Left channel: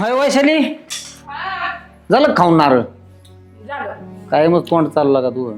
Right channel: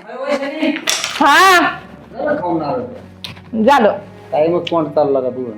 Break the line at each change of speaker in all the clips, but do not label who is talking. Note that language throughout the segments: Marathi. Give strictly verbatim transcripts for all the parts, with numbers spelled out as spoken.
हाय वैशाली,
हा
झालं खाऊन नारळ?
झालं.
काय मग तोंड चालला का तू?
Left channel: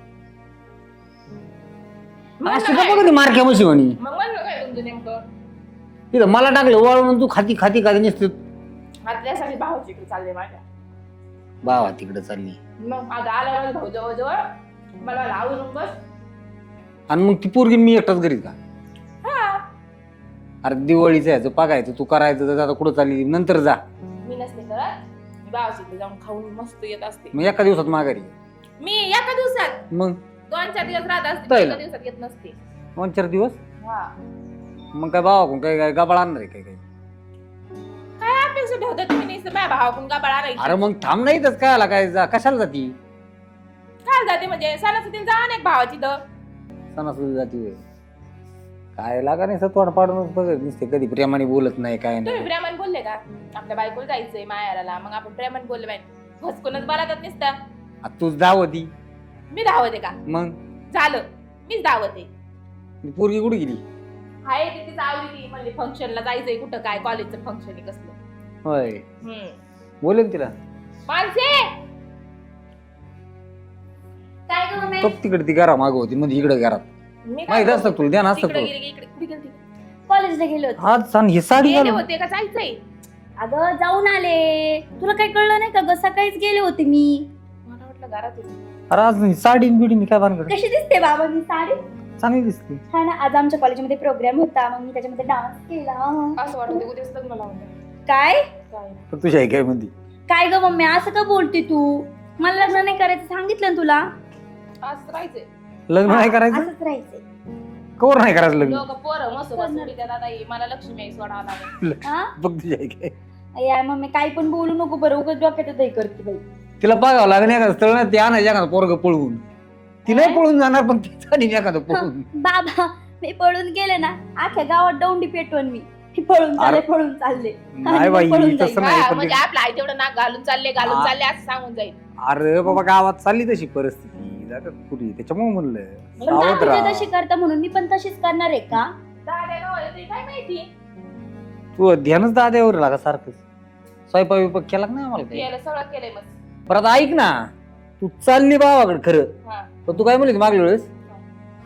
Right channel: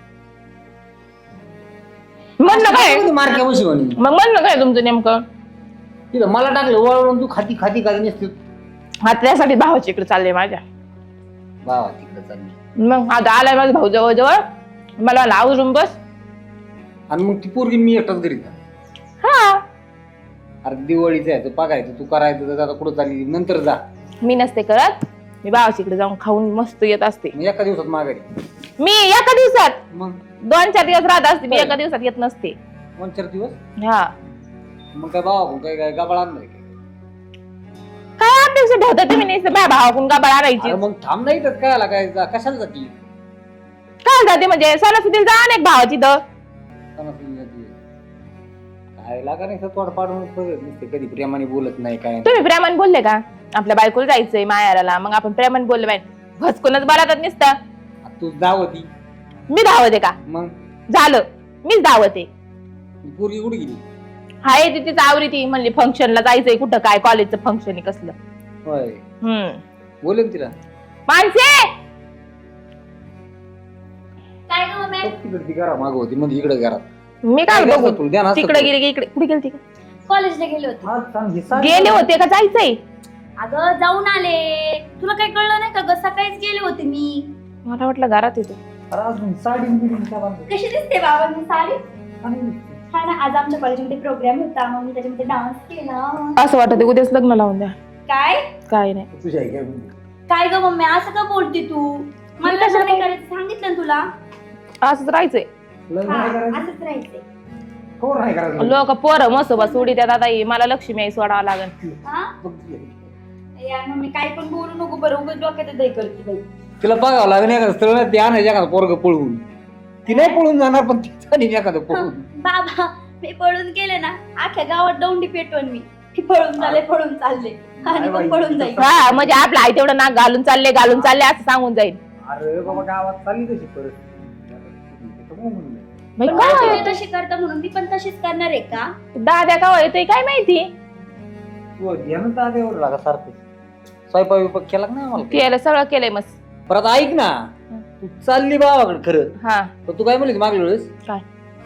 म्हणलं काय
मारक्या वशी म्हणी
मग म्हणलं काय तुमचं नेमकं?
तिथं मला टाकलं वळून तू खाती खाती खाती नसते.
हा त्यासाठी भावाच्या इकडे चालले माझ्या.
बाबा तिकडे चालली
मग आता आलाय माझा भाऊ जवळ जवळ, मला म्हणला आवरून बस.
आणि मग ती पोरगी मी एकटाच घरी का?
हा
अरे दिवाळीचं यायचं बघायचं, तू करायचं तर आता कुठं चालली नंतर जा.
मी नसते करत, मी भावाच्या इकडे जाऊन खाऊन मस्त येत असते.
मग एका दिवसात माघारी.
मी एका दिवसात
मग
दोन चार दिवस राहत असते, मी एका दिवसात येत नसते.
दोन चार दिवस
हा
मग काय बाबा काय काय गबाळ आणणार काय काय?
काय अपेक्षा ठेवता तुम्ही नाही भावाकडून का बळा
अरे
राहायची?
मग थांब नाही तर काय आला काय जा कशाला जाती?
काय जाते म्हणजे सणासुदीला जा ना एक भावाची तर.
सणासुदी जाती काय लागा नाही तोड पाडून बघत नसते, कधी प्रेमाने बोलत नाही काय नाही.
तुम्ही प्रेमाने बोलले का? आपल्या बायकोला जायचंय मायाराला, मग आपण प्रेमाने बोलले पाहिजे. भसकूनच बरातच नसतं.
आता तूच धावती
मी धावत आहे का?
मग
झालं मीच धावत आहे.
पोरगी कुठे गेली?
हाय ती तीच आवरी ती म्हणली फंक्शनला जायचंय, कुठं काय कॉलेजचं फंक्शन आहे कसलं.
होय
हम्म
बोलेन तिला
माणसे
काय ग मम्मी?
बघ तिकडे ती घरा माग होती मध्ये इकडे घरात
मी काय
काय
बघू?
असतं तुला ध्यान असतं
तिकडे
तुला?
गेली की इकडे कुठे गेली?
कॉलेजला गेले होते.
हा सांग हे सांग
गेले
मला.
होते का जायचंय?
अगं जाऊन आले. तुला काही कळलं नाही का ग? सकाळीच गेले होते मी.
मला वाटलं घरात येतो.
अरे आज ही साडी बिडी मी काय बांधलं
कशी दिसते बाबा मी साडी?
चांगली दिसते.
हा ना, आज आमच्या कॉलेजमध्ये प्रोग्राम होता, मग मी त्याच्यामध्ये डान्स केला.
असं वाटत उद्याच लग्न लावून द्या.
काय
काय नाही.
पण तुझ्या काय म्हणते
काय ग मम्मी असं का बोलते तू? मला लग्न नाही करायचं सांगितलं ना तुला.
असंच राहायचंय.
लग्न नाही करायचं?
असंच राहायचंय.
कवर नाही करायचं लग्न?
लोक पोरं मसोबा सोडी त्या दादा मला लक्ष्मी आई सोडावं लागेल.
हा?
बघ तुझ्या काय
या मम्मी काही पण बोलू नको बरं, उगाच डोक्यात दही करते बाई.
तिला बघावं लागेल एखादं स्थळ ते आणायचं एखादं पोरग पळवून. ती नाही पळून जाणार पण ती चालेल एखादं पळवून.
बाबा मी पळून गेले ना, अख्ख्या गावात दौंडी पेटवून मी. मी पळून चालले पळून चालले
नाही
आणि
बाई,
मग पळून
तसं
जाईल.
नाही.
हा म्हणजे आपलं आई तेवढं नाक घालून चालले घालून चालले असं सांगून जाईल.
अरे बाबा गावात चालली तशी परिस्थिती आता कुठे त्याच्यामुळे म्हणलं
मग
पण
काय
तुम्ही
करावं?
तशी करता म्हणून मी पण तशीच करणार आहे का?
दाद्या का येतोय काय माहिती.
तू ध्यानच दाद्यावर लागा सारखं स्वयंपाक विपाक केला का नाही आम्हाला?
केलं सगळं केलंय मस्त.
परत ऐक ना, तू चालली बाबाकडे खरं
हा
पण तू काय म्हणली मागल्या वेळेस?
काय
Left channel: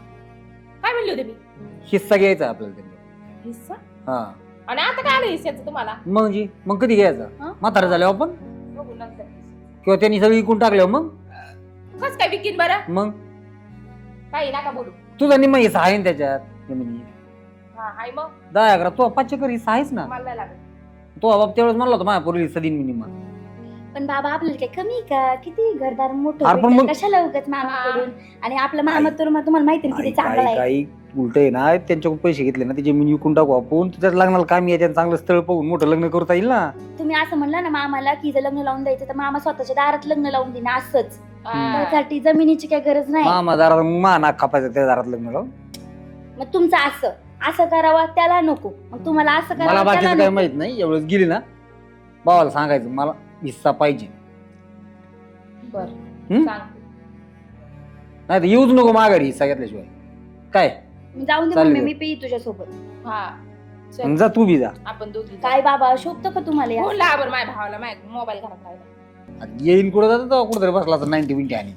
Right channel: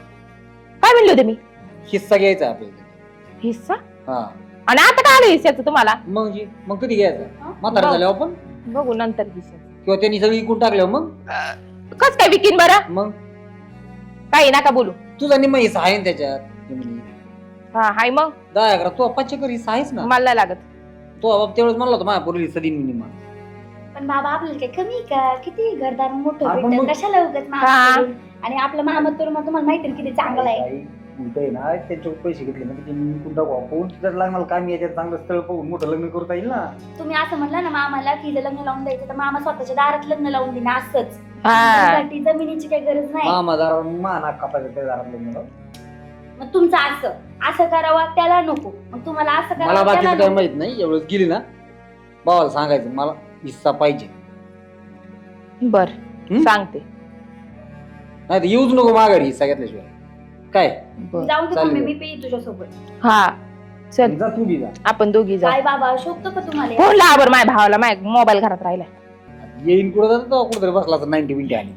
काय म्हणले होते मी?
हिस्सा घ्यायचा आपल्याला.
हिस्सा?
हा
आणि आता काय आलं हिस्साचं तुम्हाला?
मग जी मग कधी घ्यायचा?
हं?
म्हातारा झाल्यावर पण
बघू नंतर हिस्सा.
किंवा त्यांनी सगळी विकून टाकल्यावर मग
कस काय विकीन बरं?
मग
काही नका बोलू.
तुझा निम्मा हिस्सा आहे ना त्याच्यात जमिनीत.
हा हाय मग
दहा अकरा तो पाचशे हिस्सा आहेच ना.
मला नाही लागत.
तो बाप त्यावेळेस म्हणला होता माझ्या पोरीला हिस्सा देईन मी निम्मा.
पण बाबा आपल्याला काय कमी आहे का? किती घरदार मोठं
अरे पण
भेटेल,
मग-
कशाला उगाच मागं
हा.
पडेल? आणि आपलं मामा तर मग तुम्हाला माहिती आहे किती चांगला आहे.
काही उलट आहे ना, त्यांच्याकडून पैसे घेतले ना ते जमीन विकून टाकू आपण, त्याच्यात लग्नाला कामी आहे, त्यांचं चांगलं स्थळ पाहून मोठं लग्न करता येईल ना.
तुम्ही असं म्हणला ना मामाला की जर लग्न लावून द्यायचं तर मामा स्वतःच्या दारात लग्न लावून देईन असंच.
हा
त्यासाठी जमिनीची काही गरज नाही.
मामा दारात मा नाक कापायचं त्या दारात लग्न लावून.
मग तुमचं असं असं करावं त्याला नको, मग तुम्हाला असं
मला
करावं
बाकीचं
त्याला
काही
नको.
माहित नाही, एवढंच गेली ना भावाला सांगायचं मला हिस्सा पाहिजे.
बर
हं?
सांगते.
नाही तर येऊच नको माघारी हिस्सा घेतल्याशिवाय. काय
बर
जाऊन दे
चालेल.
मम्मी, मी पेई तुझ्यासोबत.
हा चल
जा तू बी जा.
आपण दोघी जाऊ.
काय बाबा शोभतो का तुम्हाला
फोन
हे?
लावा बरं माझ्या भावाला, माझ्या मोबाईल घरात राहिलाय.
आता येईन कुठं जातं तेव्हा कुठं तरी बसला तर नाईन्टी मिनिटी आली.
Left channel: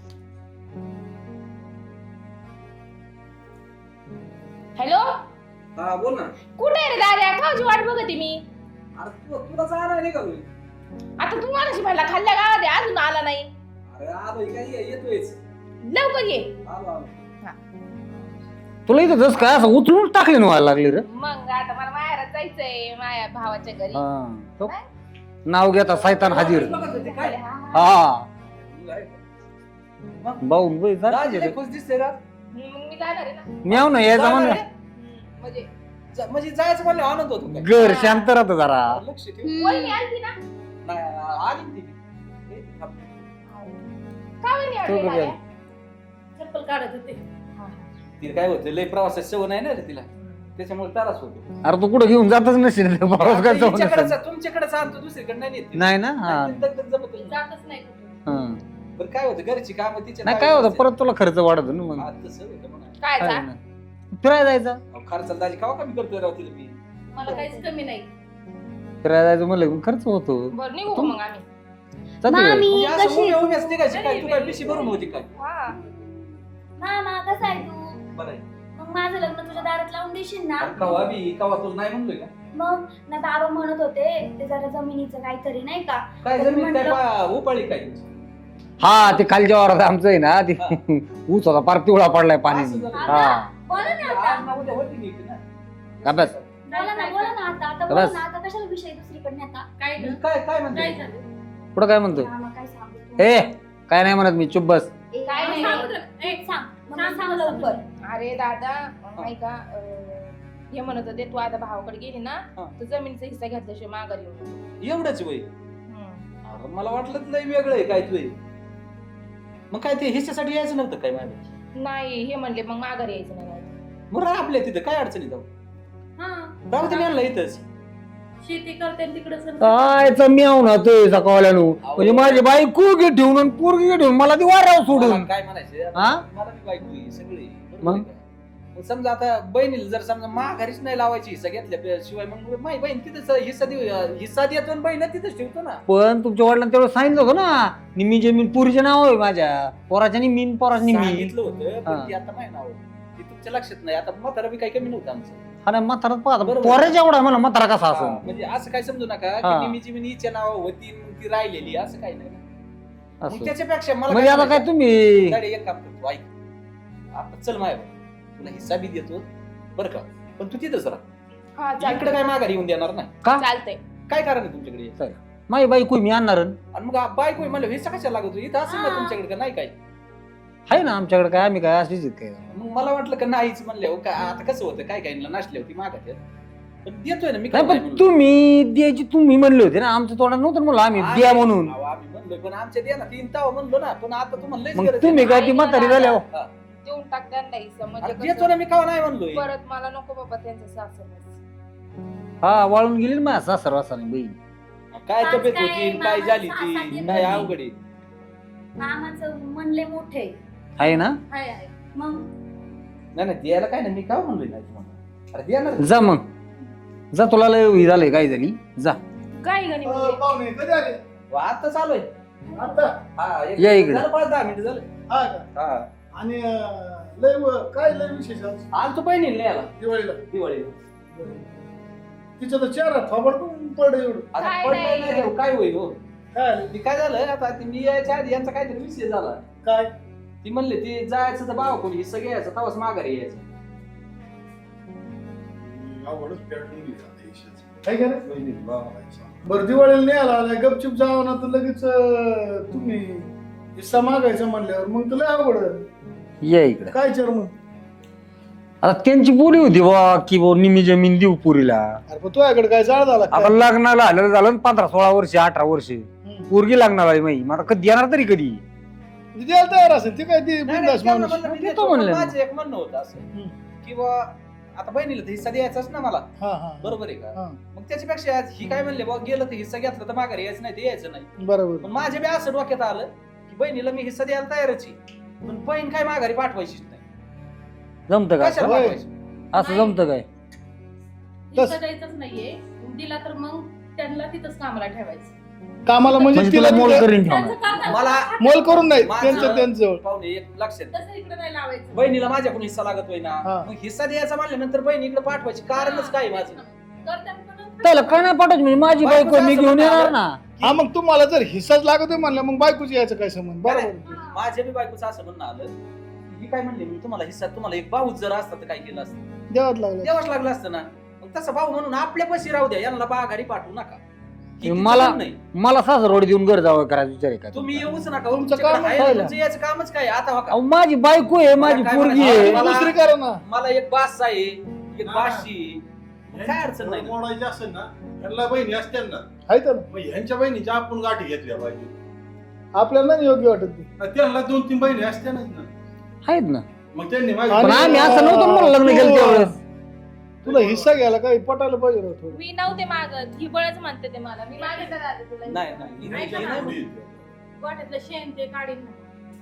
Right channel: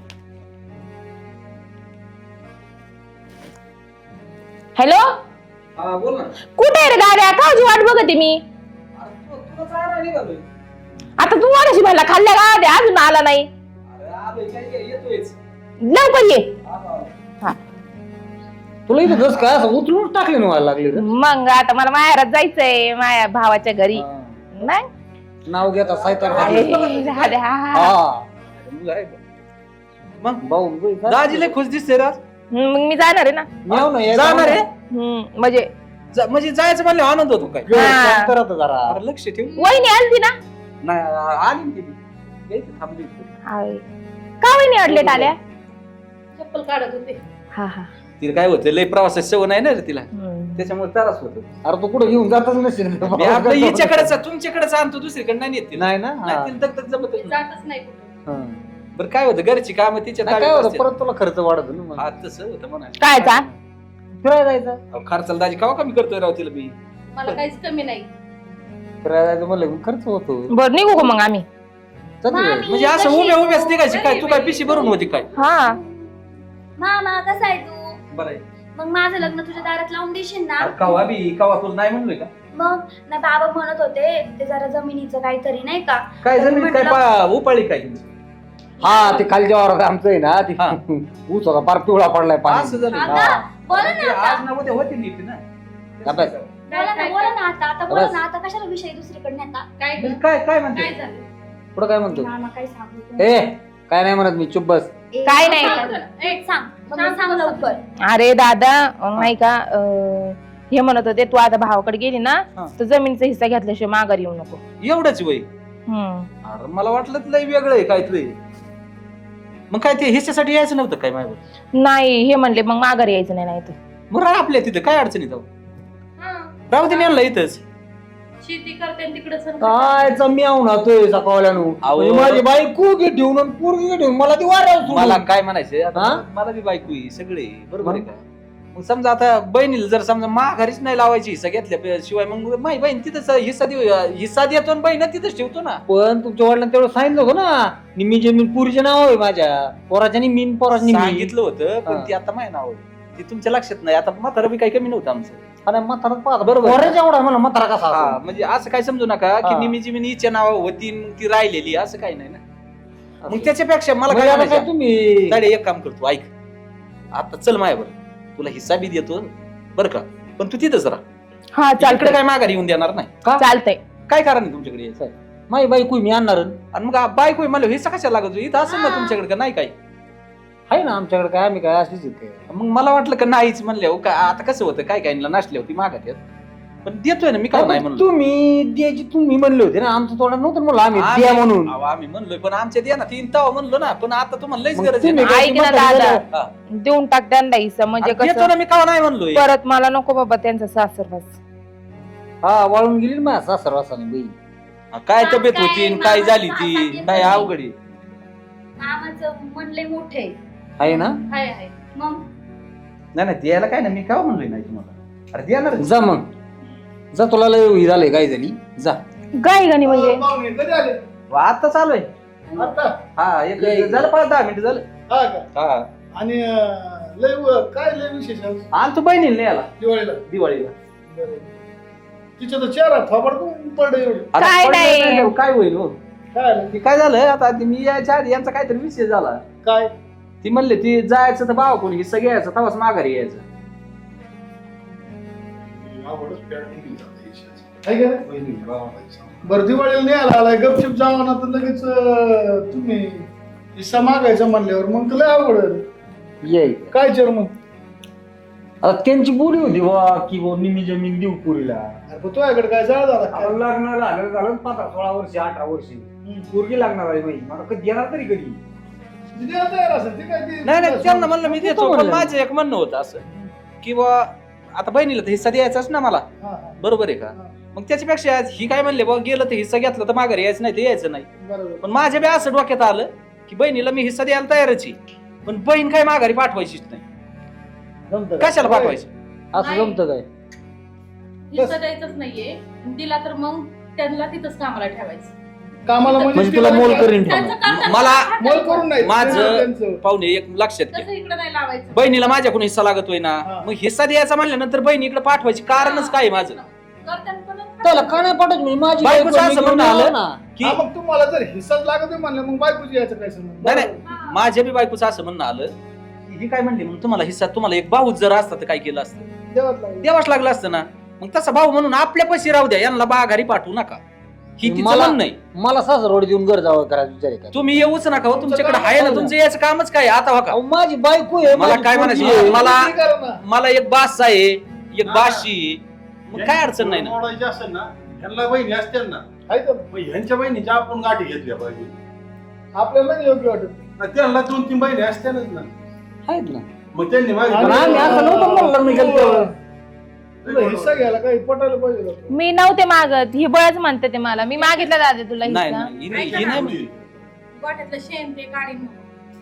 हॅलो
हा बोल ना.
कुठे आहे रे गाड्या? काची वाट बघते मी.
अरे तू तुला चारा निघालोय.
आता तू मला म्हणला खाल्ल्या गाड्या अजून आला नाही.
अरे आलोय काय ये- येतोयच.
लवकर ये.
आलो आलो.
तुला इथं जस काय असं उचलून टाकली ना व्हायला लागली रे.
मग आता मला माहेरात जायचंय माझ्या भावाच्या घरी.
हा.
नाही
नाव घेता सायतान
अरे,
हाजी.
अरे, हा, हा.
हा.
मुलगा आहे का? मग
भाऊ मुंबई जा.
दाजी लय खुश दिसते रा.
मग मी जाणार आहे ना.
मी आव ना ये
जाणार आहे?
हम्म, म्हणजे
जा- म्हणजे जायचं म्हणलं आनंद होतो काय.
घर
हा.
शांत राहतं जरा.
अरे लक्ष ठेव.
वहिनी आलती ना.
नाही आ- आली ना ती. येते, थांबली.
हाय. का वहिनी अडलेट आल्या?
चप्पल काढत होते.
हा हा
तिला काय होतं लय प्रवासाची सवय नाही ना रे तिला,
हम्म.
त्याच्यामुळे त्रास होतो.
अरे तू कुठं घेऊन जातच नसेल रे.
मी आता हिच्याकडेच तुमच्याकडेच आणतो, दुसरीकडे नाही नेत तिला.
नाही ना हा.
नाही, तिला दगदग जमतच नाही.
जातच नाही कुठं.
हं.
बरं काय होतं घरची कामं तिच्या
नाही काय
ताब्यात
होतं
असते.
परत तुला खर्च वाढत ना मग.
हा, तसं होतं म्हणा.
काय जा
फिरायला जायचं.
अहो, खर्चाला दाजी कवा कमी करतोय राव तिला मी.
मला काहीच कमी नाही.
फिरायला जायचं म्हणलं की खर्च होतो
बरं निघू का मग आम्ही?
चल
मामी,
म्हणजे असं
कशी
उभ्या
आहे
उभ्याच
तू?
निघायची काय तू काय पिशी भरून होती काय
हा
मामा कसा आहे तू?
बरं आहे.
मग माझं लग्न तुझ्या दारात लावून देशील ना?
अरे कवा बी कवा तुला नाही म्हणलोय का
मग ना बाबा म्हणत होते ते जरा जमिनीचं काहीतरी नाही का?
काय जमीन काय पा- उपाळी काय
हा ते खालच्या वावरात आमचं आहे ना ते
हा.
ऊस होता पार पिवळा पडलाय
असं
पाणी
झालं
आता?
हा
बोला
ते
ना
आज
आता.
ना उद्या होती नीट ना
का बस?
बोला ना बोला ना आता आता बोला
बस.
ना आता कशाला विषय दुसरीकडे आता?
काय
म्हणजे काय काय म्हणते
पुढं काय म्हणतो
मामा काय सांगू?
ए काय नाही म्हणत मी चुप बस
ए,
काय नाही.
सांग तुला. ए, सांग मग मी सांग लवकर.
अरे दादा अं, नाही का अं, हे म्हणत होते तू आता भावाकडे गेली ना
हा.
तर जमिनीचा हिस्सा घेतल्याशिवाय माघारी येऊ नको.
एवढंच वय
हम्म
अरे मला वाटलं लय वेगळं आहे काय तुला मग काय ते हिस्सासाठी यायचं नव्हतं काय माझ्या
नाही हे म्हणले मग माघारी यायचं नाही नाही तर.
मग राह आपल्या तिथं काय अडचणी जाऊ राहू दे आणलं इथंच
शेती करते तिकडे
काय चम्याव ना तो सकाळल्यानो
अहो.
म्हणजे माझी बायको घे ठेवून आणि पोरगी घे ठेवून मला ती वाराव
मला
सोडून
काय म्हणायचं आता
हा?
मला बी बायको आहे, सगळे बरोबर आहे का मग समजा आता बहिणीला जर समजा माघारीच नाही लावायची हिस्सा घेतल्या शिवाय मग माझी बहीण तिथंच हिस्सा देऊ हिस्सा देतो आणि बहीण तिथंच ठेवतो ना
पण तुमच्या वडिलांना तेवढं सांगितलं होतं ना निम्मी जमीन पुरीचे नाव आहे माझ्या पोराच्या निम्मी पोराच्या निम्मी
सांगितलं होतं पण
हा.
ती आता माहिती नाव ती तुमच्या लक्षात नाही आता म्हातारा बी काही कमी नव्हतं आमचं
अरे म्हातारा पाहता
बरोबर.
पोराच्या एवढा मला म्हातारा कसा
हा,
असेल?
म्हणजे असं काय समजू नका की
हा.
निमी जिमीन हिच्या नाव होती आणि ती राहिलेली असं काही नाही ना मग
असं.
त्याच्यापेक्षा मला
म्हणजे
काय
आता काय
म्हणायचं?
तुम्ही
साडे एक काम करतो ऐक आता चल माझ्यावर तुला हिस्सा बी देतो बरं का पण तू तिथंच राहा
हा
तिकडे
चालतंय
काय माघारी येऊन देणार नाही
का
चालतंय.
काय कारण आहे तुमच्याकडे यायचं?
माझी बायको मी आणणार
आणि मग बायको मला हिस्सा कशाला लागतो इथं असेल ना तुमच्याकडे का नाही काय
आहे ना आमच्याकडे काय आम्ही काय अशीच आहेत काय
मग मला वाटलं का नाहीच म्हणले काय आता कसं होतं काय काय नाचले होती मागात पण देतोय ना मी काय नाही
पण
म्हणलो
तुम्ही द्यायची तुम्ही म्हणले होते ना आमचं तोंडात नव्हतं म्हणलं आम्ही द्या
आम्ही-
म्हणून
अहो, आम्ही म्हणलोय पण आमच्या द्या ना तीन तवा म्हणलो ना पण आता तुम्हाला लईच
मग
गरज आहे
तुम्ही
ना.
काय
ऐक
ती
ना
म्हातारी
दादा.
झाल्यावर-
हा.
देऊन टाक त्यांना हिस्सा म्हणजे
अरे देतो
कसं
ना मी का नाही म्हणलोय
परत मला नको बाबा त्यांचा सासरवास.
हा वाळून गेली ना माझा सर्वासाने बाई
हा, काय
आज
तब्येत
काय
होती आणि काय
मामा
झाली ती
सासू
काय
सासू
अवघड आहे.
मामाचं म्हणले मोठे
आहे ना
हाय हाय मग
नाही नाही द्यायला काय ना मी का म्हणलोय नाही तुम्हाला अरे द्या ना
जा मग जा तुला लय ही झालंय काय झाली जा
गाय गाणी म्हणजे
पाहुणे कधी आले
आता चालू आहे
आता
हा एक
या इकडे.
झालं पाच दहा मिनिट झालं
हा का
हा
आणि अं, लय व- काय लय विशेष आज
आणि तू बहिणीला नाही आला
दिवाळीला
दिवाळीला
तिचा तर चेहरा थोबड पडलं एवढं
आता
काय
पडलं
नाही.
नाही, काय होईल हो
काय आलं?
ती काय झालं आता ती मी यायच्या आधी यांचा काहीतरी विषय झाला
काय
ती म्हणले ती जायचं तर भाव कोणी हिस्सा घ्यायचा तवाच माघारी यायचं
आवडच पेटून गेली आता यशाचं. हाय का रे? बरं दिवाळीला नाही आला आलाय गपचिप जावा ना तर लगेच अं, तुम्ही हिस्सा मागायचा म्हणल्यावर मग तुला आवड
ये इकडे
काय चेर मग
आता त्यांची बोली होती बा की बा निम्मी जमीन देऊ पुरीला
अरे पण तुझ्याकडे काय जाळ झाला काय?
आपण लग्नाला आलं झालं ना पंधरा सोळा वर्ष अठरा वर्ष
हम्म.
पोरगी लागणार आहे माई मला कधी येणार तरी कधी
म्हणजे द्यायला तयार असेल ते काय ते
नाही नाही त्यांना म्हणलं मी
देतो
देतो पण
म्हणले.
माझं एक म्हणणं होतं असं किंवा आता बहिणीला तर हिस्सा द्यायचाच ना मला
हा हा
बरोबर आहे का
हा.
मग त्याच्यापेक्षा आज ही काय म्हणले बा गेलं तर हिस्सा घेतला तर माघारी यायचं नाही ते यायचं नाही
बरोबर
पण माझ्या बी असं डोक्यात आलं की बहिणीला मी हिस्सा द्यायला तयारच आहे पण बहीण काय माघारी पाठवायचीच नाही
जमतं का
कशाला पाठवायची
असं
नाही.
जमतं काय
हिस्सा द्यायचंच नाहीये दिला तर मग त्यांना तिथंच कामाला ठेवायचं.
कामाला म्हणजे
म्हणजे तुला
तिला
मोल
नाही-
करीन
त्यांचं
ठेवलं.
करतात
मला
ना,
मोल करून नाही
माझं-
त्यांचं- त्यांचं.
पाहुणे एक लक्षात घ्या
तसं इकडे नाही लावायचं.
बहिणीला माझ्याकडून हिस्सा लागतोय ना
हा.
मग हिस्सा द्यायचा म्हणल्यानंतर बहिणी इकडे पाठवायची कारणच काय माझं
करतात पण
त्याला का नाही पाठवत म्हणजे माझी
बायकोचं
बायको मी
असं
घेऊन
म्हणणं
आलो
आलं.
ना
की
हा मग तुम्हाला जर हिस्साच लागतोय म्हणलं मग बायकोची यायचं काय संबंध
नाही,
बरोबर.
हा.
माझ्या बी बायकोचं असं म्हणणं आलं की ही काय म्हणली मग तुम्हाला हिस्सा तुम्हाला एक भाऊच जर असता तर काय केलं असतं
देवाच लागलं
द्यावाच लागलं असतं ना मग तसा भाऊ म्हणून आपल्या पशी राहू द्या यांना बाघारी पाठवू नका ही तिचं
मला-
म्हणणं नाही
मला सासरवाड देऊन घर जावं करायचं विचार आहे का
तुम्ही येऊच नका हो,
तुमचं
तुमच्याकडे
कामच
आहे ना
आहे.
तुमचं याचं कामच काय आता हो का
अहो, माझी बायको आहे
मला
माझी
काय
पोरगी
म्हणायचं?
आहे.
मला-
दुसरी करा ना.
मला एक बास आहे एक बाशी आहे. मग काय अडचण नाही ना
मोडायची असेल ना ह्यांना बहिणी असतील ना
आहे तर
मग ह्यांच्या बहिणीच्या आपण गाठी घेतल्या पाहिजे
आपल्याला नाही योग्य वाटत ते.
आणि त्यांना दोन तीन बहिणी असत्यानच ना
आहेत ना
मग त्यांनी
पण
मागितलं.
आम्ही असं नव्हतं म्हणलं लग्न केलं त्यावेळेस
तुला हिस्सा घ्यायला काही पटायला पाहिजे ना तू.
मी नव्हते मागत ही बळच म्हणते ते मला मी मागितलं दादा तुला
नाही
हिस्सा.
नाही, ही नाही ही नाही म्हणली.
गोठ्यातलं शेण ते काढीन म्हणून.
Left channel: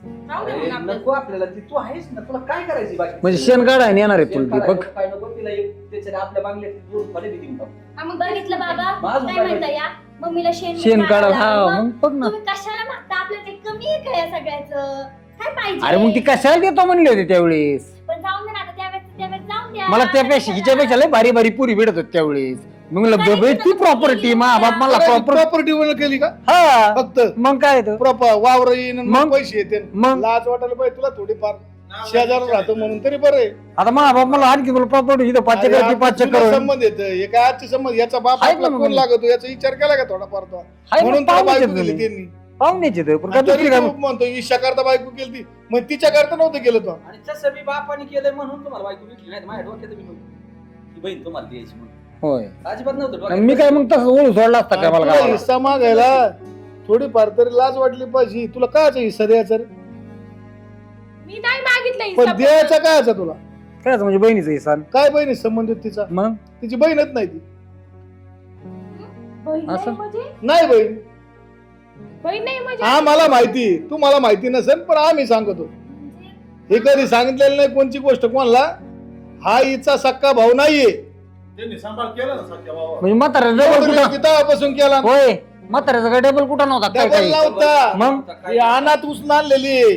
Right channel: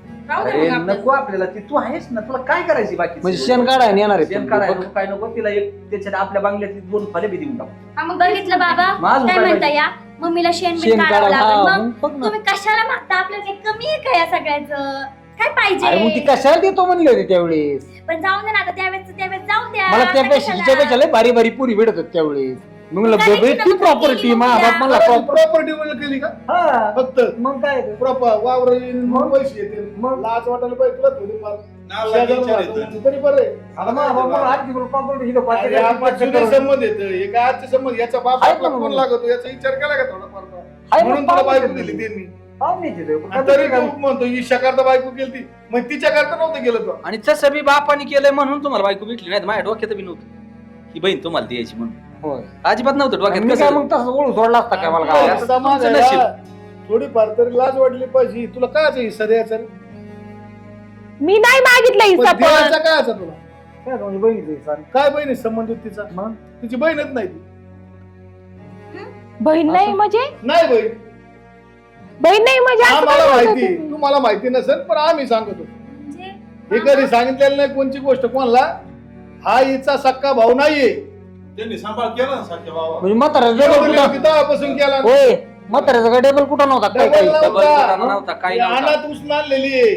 राहू दे
अरे
मग आपलं.
नको आपल्याला ती तू आहेस ना तुला काय करायची बाकी
म्हणजे शेण काढायला येणार आहे
शेण
पण
काढायला
बघ.
नको, काय नको तिला एक त्याच्यात आपल्या बांगल्यात दोन फळे बी देऊन टाकू.
हा, मग बघितलं बाबा
माझं
काय
काय
म्हणता
माहिती?
या मम्मीला शेण
शेण
बिण काढावं
काढायला
लागलं.
हा
मग
मग बघ ना.
तुम्ही कशाला मागता आपल्याला काही कमी आहे का या सगळ्याचं काय
अरे मग ती
पाहिजे
कशाला देतो म्हणली होती त्यावेळेस
पण जाऊ दे ना आता त्यावेळेस त्यावेळेस जाऊ द्या
मला
आता
त्यापेक्षा
कशाला?
हिच्यापेक्षा लय भारी भारी पुरी भेटत होती त्यावेळेस मग म्हणलं
नाही,
बाबा,
नाही,
ती
तिथं
प्रॉपर्टी
गेली
मा
उद्या.
बाप मला प्रॉपर
प्रॉपर्टी वर केली का
हा
फक्त
मग काय तर
प्रॉपर वावर येईन आणि मग
मग?
पैसे येते
मग?
लाच वाटायला पाहिजे तुला थोडीफार
नाव
शेजारला
वाटलं
राहतो
इथं.
म्हणून तरी बरं आहे.
आता मा बाप मला आणखी तुला प्रॉपर्टी इथं पाच
अरे
एकर
आता
पाच
जुने
एकर
संबंध येत हे काय आजचे संबंध याचा बाप
आहेत
आपला
ना
कोण
मग.
लागतो याचा विचार केला का थोडाफार तो?
हाय मग
म्हणून तुला
पाहुण्याचे
बायको केली
तुम्ही.
त्यांनी
पाहुण्याचे ते, पण
आणि
काय
तरी
दुसरी
तू
काय-
म्हणतो ईशा करता बायको केली ती मग तिच्या करता नव्हतं गेलं तो
आणि तसं बी बापाने केलंय म्हणून तुम्हाला बायको भेटली नाही तर माझ्या डोक्यात बी नव्हतं ही बहीण तुम्हाला द्यायची म्हणून
होय
अजिबात नव्हतं
मी
डोक्यात
काय
कसं-
मग तसं ओळख सोडला असता काय मला
तुला
काय
हिस्सा मागायला थोडीफार तरी लाज वाटली पाहिजे तुला काय असं हिस्सा द्यायचा रे?
मी नाही मागितलं हिस्सा
पण
पण
द्यायचा काय असा तुला
काय म्हणजे बहिणीचं हिस्सा
काय बहिणी संबंधित तिचा
मग
तिची बहीणच नाही ती
बहीण नाही
असं?
म्हणजे
नाही बहीण
बहीण नाही म्हणजे
हा
असं
मला
काय
माहिती
बोलत
तुम्हाला माहिती नसेल पण आम्ही सांगतो
म्हणजे
ही कधी सांगितलेलं नाही कोणची गोष्ट कोणाला हा हिचा सक्का भाऊ नाहीये
त्यांनी सांभाळ केला ना सख्या बाबा
म्हणजे म्हाताऱ्याचा डेबल कुठं
तेव्हापासून केला
होय म्हाताऱ्याचा काय डेबल कुठं नव्हता काय
डबल
काही
नव्हता
मग नव्हता, काही
ही
नव्हता.
अनाथ उचलून आणलेली आहे.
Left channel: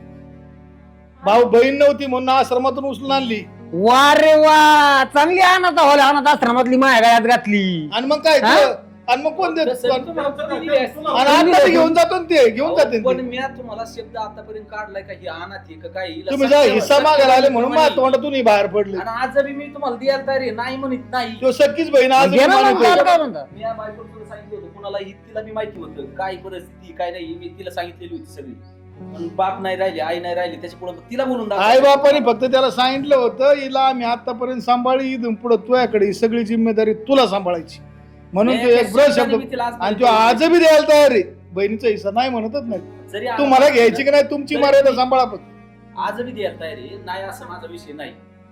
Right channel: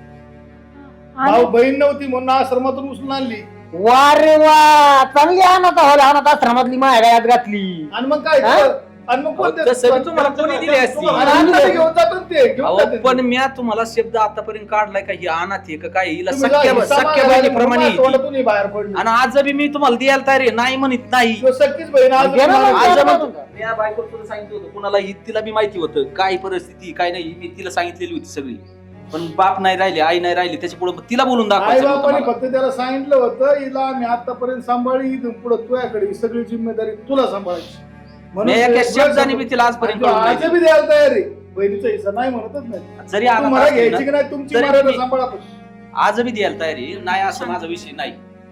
आणि-
भाऊ बहीण नव्हती म्हणून आश्रमातून उचलून आणली
वा रे वा चांगली अनाथ हॉल अनाथ आश्रमातली माया गळ्यात घातली
आणि मग काय
हा?
तुला- आणि मग कोण देतं?
तसं बी तुम्हाला कोणी दिली असती
आणि आता ते घेऊन जातो ना ते घेऊन
अहो,
जाते
पण मी तुम्हाला शब्द आतापर्यंत काढलाय का ही अनाथ आहे का काय हिला
तुम्ही जा
सख्या-
हिस्सा
सख्या
मागायला आले म्हणून
बहिणीप्रमाणे
माझ्या तोंडातूनही बाहेर पडली
आणि आज बी मी तुम्हाला द्यायला तयार आहे नाही म्हणत नाही
तो सख्खीच बहीण आज
घे ना
मला
मग,
द्यायला
घे ना
पाहिजे.
मग.
मी या बायकोला तुला सांगितलं होतं कुणाला ही तिला बी माहिती होतं काय परिस्थिती काय नाही मी तिला सांगितलेली होती सगळी पण बाप नाही राहिले आई नाही राहिली त्याच्यापुढे तिला बोलून
आई बापाने
दाखव
फक्त त्याला सांगितलं होतं हिला मी आतापर्यंत सांभाळी इथून पुढे तुझ्याकडे ही सगळी जिम्मेदारी तुला सांभाळायची म्हणून
मी
ते
एका
एक
शब्दाने
वर्ष-
मी तिला
आणि
आजपर्यंत
तो
बोललो
आज
नाही.
बी द्यायला तयार आहे बहिणीचा हिस्सा नाही म्हणतच नाही
जरी आला
तुम्हाला
असेल
घ्यायची की
ना,
नाही तुमची
तरी
मर्यादा
मी-
सांभाळा पण.
आज बी द्यायला तयार आहे नाही असं माझा विषय नाही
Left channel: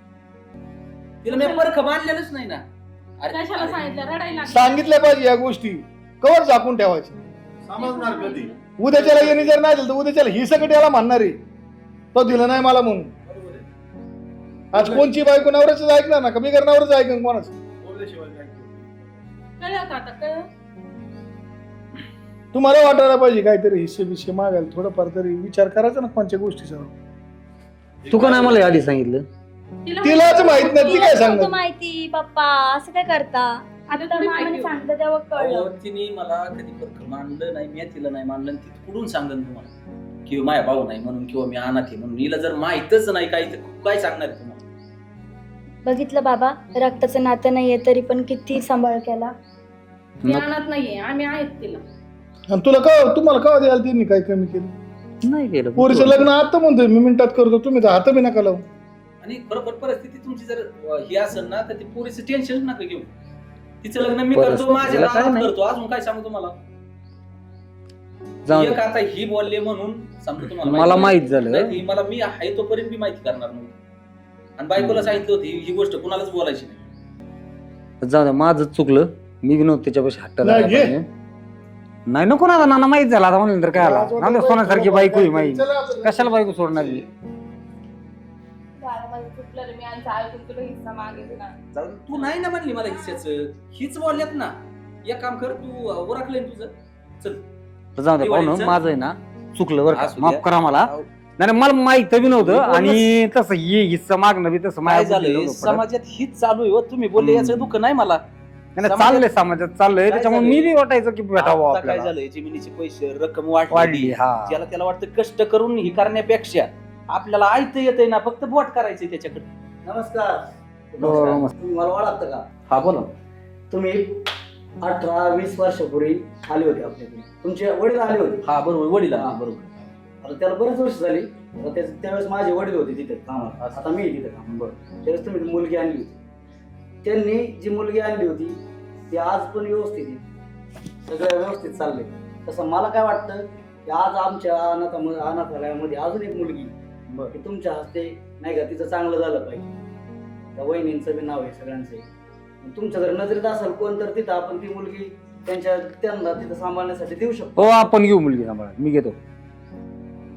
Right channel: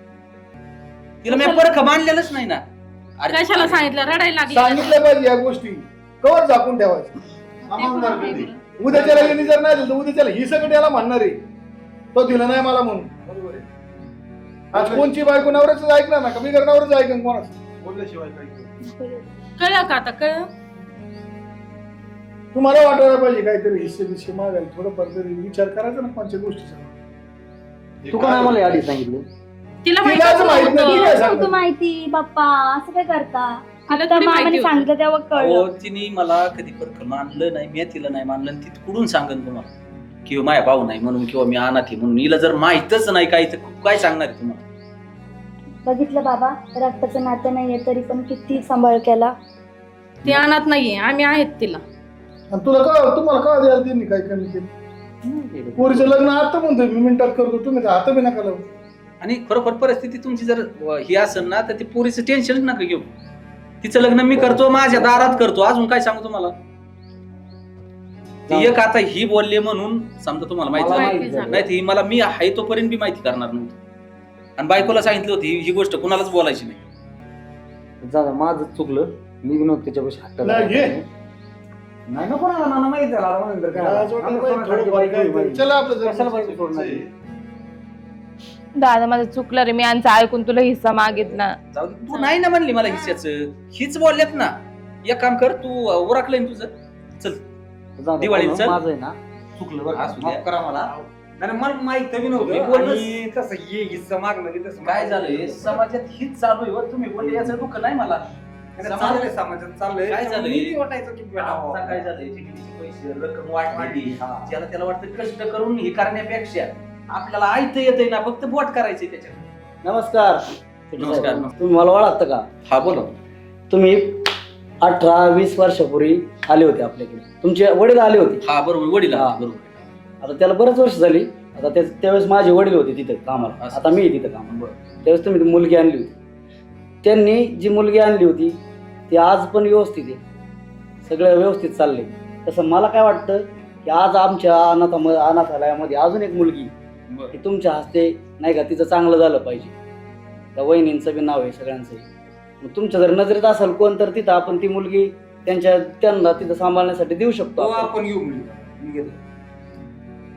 तिला मी परख मानलेलंच नाही ना अरे-
कशाला सांगितलं रडायला लागली
सांगितलं पाहिजे या गोष्टी कवर झाकून ठेवायची
समजणार कधी
उद्याच्याला येणे जर नाही दिलं तर उद्याच्याला ही सगळी याला म्हणणार आहे तो दिला नाही मला म्हणून
बरोबर आहे
आज कोणची बायको नवऱ्याच ऐकणार ना कमी करणारच ऐकन कोणाच
बोलल्याशिवाय काय करू?
कळलं का आता कळलं
तुम्हाला वाटायला पाहिजे काहीतरी हिस्से बिस्से मागायला थोडंफार तरी विचार करायचा ना कोणत्या गोष्टीचा
तू का नाही मला आधी सांगितलं
तिला
तिलाच माहित नाही ती
होतं.
काय
नव्हतं
सांगत
माहिती बाप्पा असं काय करता आता
थोडी
मामाने
माहिती होती.
सांगितलं तेव्हा
अहो,
कळलं
तिने मला कधी परख मानलं नाही मी तिला नाही मानलं आणि ती कुठून सांगत तुम्हाला किंवा माझ्या भाऊ नाही म्हणून किंवा मी अनाथ आहे म्हणून हिला जर माहितच नाही काही तर काय सांगणार आहे तुम्हाला
बघितलं बाबा रक्ताचं नातं नाहीये तरी पण किती सांभाळ केला
ती अनाथ नाहीये आम्ही आहेत तिला
आणि तुला का तुम्हाला का द्यायला त्यांनी काय कमी केलं
नाही केलं
पोरीचं लग्न आता म्हणतोय मी मिनिटात करतो तुम्ही तर हात बी नका लावू
आणि खरोखर परिस्थिती तुमची जर अ, ही असेल ना तर ती पोरीचं टेन्शन नका घेऊ तिचं लग्न मी करतो माझ्या
बरं.
दारात करतो अजून काय सांगू तुम्हाला
जाऊ
ती
दे.
एक आता ही बोलले म्हणून समजा तुम्हाला
मला
माहिती
माहित
माहिती
झालं
नाही ती मला मी आहे तोपर्यंत बी माहिती करणार नव्हती आणि बायकोला सांगितलं होती ही गोष्ट कुणालाच बोलायची नाही
जाऊ दे, माझं चुकलं मी बी नव्हतं त्याच्यापाशी हट्ट
नाही, घे.
नाही नको ना नाना माहित झाला आता म्हणून तर काय आला. आम्ही सोन्यासारखी बायको आहे माहिती
चला आपलं जाऊ.
कशाला बायको सोडणार आहे?
दादा माझं चुकलं रे मी यांचं ऐकून तुला हिस्सा मागितला
जाऊ दे, तू नाही ना म्हणली मला हिस्साच हीच बोलल्यात ना एक काम कर तू उरकलंय ना तुझं चल
तर जाऊ दे
दिवाळीत
पाहुणं,
चल.
माझं आहे ना चुकलं बरं का
असू द्या.
माफ करा मला नाही नाही, मला माहित बी नव्हतं आणि तसं ये हिस्सा मागणं बी तसं
काय
माझ्या
झालंय
बुद्धीला नव्हतं.
समाजात हीच चालू आहे हो. तुम्ही बोलले याचं दुःख नाही मला
नाही, नाही, चाललंय समाजात चाललंय
काय
त्याच्यामुळे
झालंय?
मी बी वाटायचं की भेटावं
आता काय
आपल्याला.
झालंय जमिनीचे पैसे रक्कम
वाढली
वाढली
हा
ज्याला त्याला वाटतं कष्ट करून ही करण्यापेक्षा आपल्याला ऐकता येतंय ना फक्त बोट करायचंय त्याच्याकडे
नमस्कार
नमस्कार.
तुम्ही मला ओळखता का
हा बोला
तुम्ही अठरा वीस वर्षापूर्वी आले होते आपल्याकडे तुमचे वडील आले होते
हा बरोबर वडील
हा.
आले, बरोबर
आता त्याला बरेच वर्ष झाली आता ते त्यावेळेस माझे वडील होते तिथे कामाला
असं.
आता मी तिथे काम
बरोबर.
त्यावेळेस तुम्ही ती मुलगी आणली होती त्यांनी जी मुलगी आणली होती ती आज पण व्यवस्थित आहे सगळं व्यवस्थित चाललंय तसं मला काय वाटतं की आज आमच्या अनाथ अनाथालयामध्ये अजून एक मुलगी
बरं.
की तुमच्या हस्ते नाही का तिचं चांगलं झालं पाहिजे त्या वहिनींचं बी नाव आहे सगळ्यांचं आहे. मग तुमच्या जर नजरेत असेल कोण तर तिथं आपण ती मुलगी त्यांच्या त्यांना तिथं सांभाळण्यासाठी देऊ शकतो
हो आपण घेऊ मुलगी सांभाळ मी घेतो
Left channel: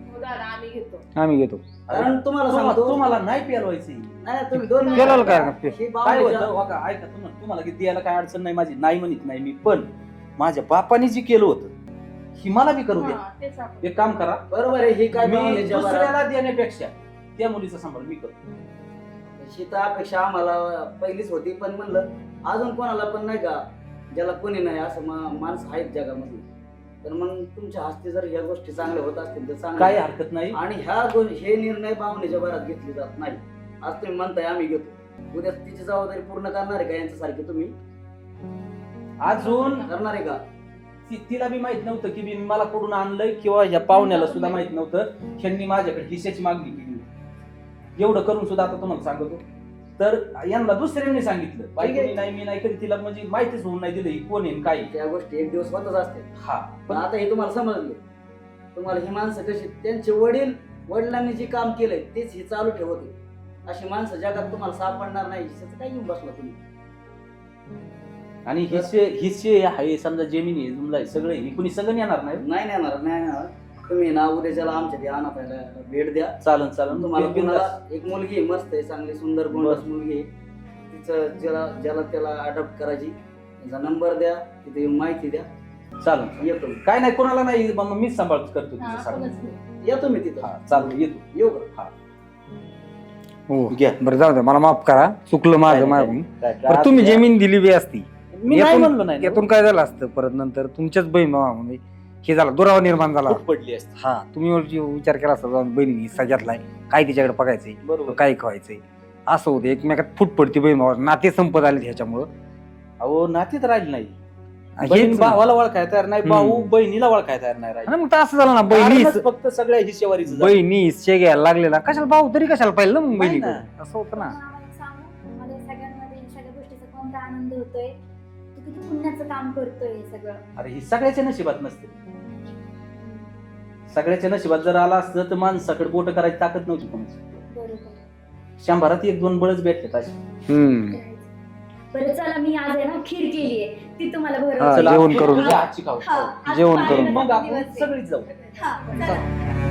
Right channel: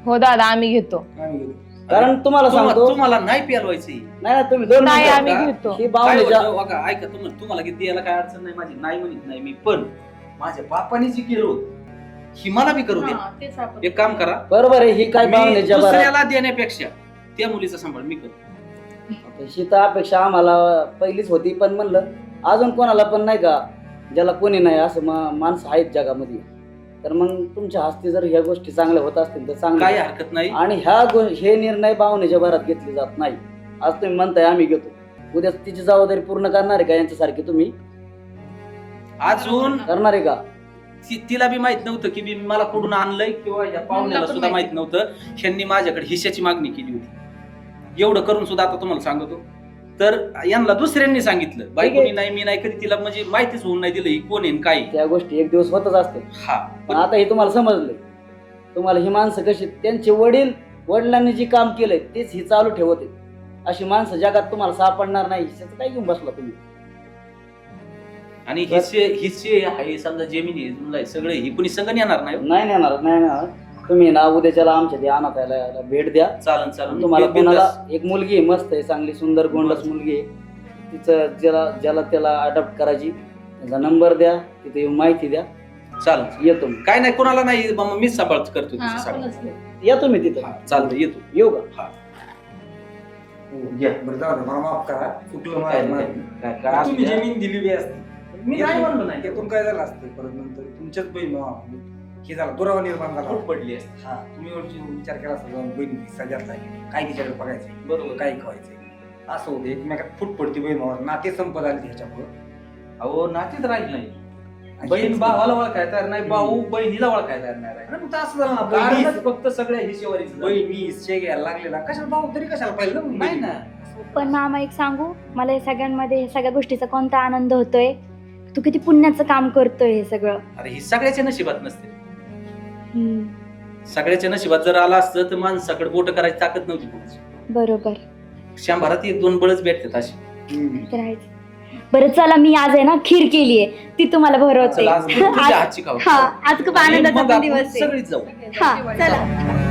हो दादा आम्ही घेतो.
आम्ही घेतो.
कारण तुम्हाला
तुम्हा-
सांगतो
तुम्हाला नाही पेलवायची
नाही नाही, तुम्ही दोन
नाही,
मिनिटं
आम्ही
बघा.
घेतो.
ही
काय
बावलीच्या
होतं बघा, ऐका तुम्हाला तुम्हाला किती द्यायला काय अडचण नाही माझी, नाही म्हणत नाही मी, पण माझ्या बापाने जे केलं होतं ही मला बी करू दे.
हा, तेच आपण
एक काम करा,
बरोबर आहे. ही काय
मी
बावलीच्या बरं
दुसऱ्याला देण्यापेक्षा त्या मुलीचा सांभाळ मी करतो.
ही तर अपेक्षा आम्हाला पहिलीच होती, पण म्हणलं अजून कोणाला पण नाही का ज्याला कोणी नाही असं मा- माणसं आहेत जगामध्ये, तर मग तुमच्या हस्ते जर ह्या गोष्टी चांगल्या होत असतील तर
काय
चांगलं.
हरकत नाही.
आणि ह्या गो- हे निर्णय पाहुण्याच्या भरात घेतले जात नाही. आज तुम्ही म्हणताय आम्ही घेतो, उद्या तिची जबाबदारी पूर्ण करणार आहे का यांच्यासारखी तुम्ही
अजून
करणार आहे का?
ती- तिला बी माहित नव्हतं की मी मला कुठून आणलंय, किंवा ह्या पाहुण्याला
मला पण
सुद्धा माहित नव्हतं. ह्यांनी माझ्याकडे हिश्श्याची मागणी केली होती. एवढं करून सुद्धा आता तुम्हाला सांगतो, तर यांना दुसऱ्यांनी सांगितलं, बायकोनी नाही मी नाही कधी, तिला म्हणजे माहितीच होऊन नाही दिलं ही कोण आहे आणि काय आहे.
त्या गोष्टी एक दिवस होतच असते.
हा
पण आता हे तुम्हाला समजले, तुम्हाला ही माणसं कशी त्यांचे वडील वडिलांनी जे काम केलंय तेच ही चालू ठेवते. अशी माणसं जगात तुम्हाला सापडणार नाही. हिच्याचं काय घेऊन बसला तुम्ही?
आणि हिस्से हिस्से आहे समजा जमीन आहे समजा, हे सगळे ही कुणी संग येणार नाही.
नाही नेणार नाही नेणार. तुम्ही ना उद्याच्याला आमच्या ते अनाथालयाला भेट द्या.
चालन चालन
तुम्हाला
बि-
कोणाला
बिनधास्त.
एक मुलगी आहे, मस्त आहे, चांगली सुंदर गोंडस मुलगी आहे, तिचं ज्याला ज्याला त्याला अडॉप्ट करायची त्याचा नंबर द्या, तिथे येऊन माहिती द्या.
चालन
येतो मी.
काय नाही, कोणाला नाही, मग मीच सांभाळ करतो
हा,
तिचं सांभाळ.
आपणच घेऊ.
या तुम्ही तिथं.
हा चालतं, येतो.
येऊ का?
हो
घ्या.
बरं जाऊ दे, मला माफ करा, चुकलं माझं माझं.
काय- काय-
बरं, तुम्ही जमीन दिली बी असती,
मी नाही म्हणलो नाही,
यातून काय झालं असतं, परत नंतर तुमच्याच बहीण म्हणजे हे झालं, दुरावा निर्माण झाला.
फूट पडली असते.
हा तुम्ही वरची विचार केला असता, जाऊन बहिणीने हिस्सा घेतलाय, काय तिच्याकडे बघायचंय,
बरोबर.
काय खावायचंय, असं होतं. एकमेकात फूट पडती बहीण भावावर, नाते संपत आले ह्याच्यामुळं.
अहो नातीत राहिली नाही.
हेच-
बहीण भावाला ओळखाय तयार नाही,
हम्म.
भाऊ बहिणीला ओळखाय तयार नाही राहिली.
आणि मग तर असं झालं ना, बहिणी
कारणच फक्त सगळ्या हिशेवारीच झालं.
बहिणी हिस्से घ्यायला लागलेला, कशाला भाऊ तरी कशाला पाहिलं ना मग
नाही
बहिणी
ना.
असं होतं
पण
ना.
मामा एक सांगू, मला या सगळ्यांमध्ये या सगळ्या गोष्टीचा कोणता आनंद होतोय. तू किती पुण्याचं काम करतोय हे सगळं.
अरे ही सगळ्याच्या नशिबात नसते.
हम्म,
सगळ्याच्या नशिबात जर आला असतं तर माणसाकडे बोट करायची ताकद नव्हती कोणाची.
बरोबर.
शंभरात एक दोन बळच भेटतात अशी.
हम्म.
तर आहेच. बरं चला, मी आज आहे ना खीर केलीये, ती तुम्हाला
हा,
भरवते.
जेवण करू.
तुमच्या
आज-
हातची खाऊ.
हा आज खूप
जेवण करू.
आनंदाचा
मग
पण
आपण
दिवस आहे.
सगळीच जाऊ.
हा चला.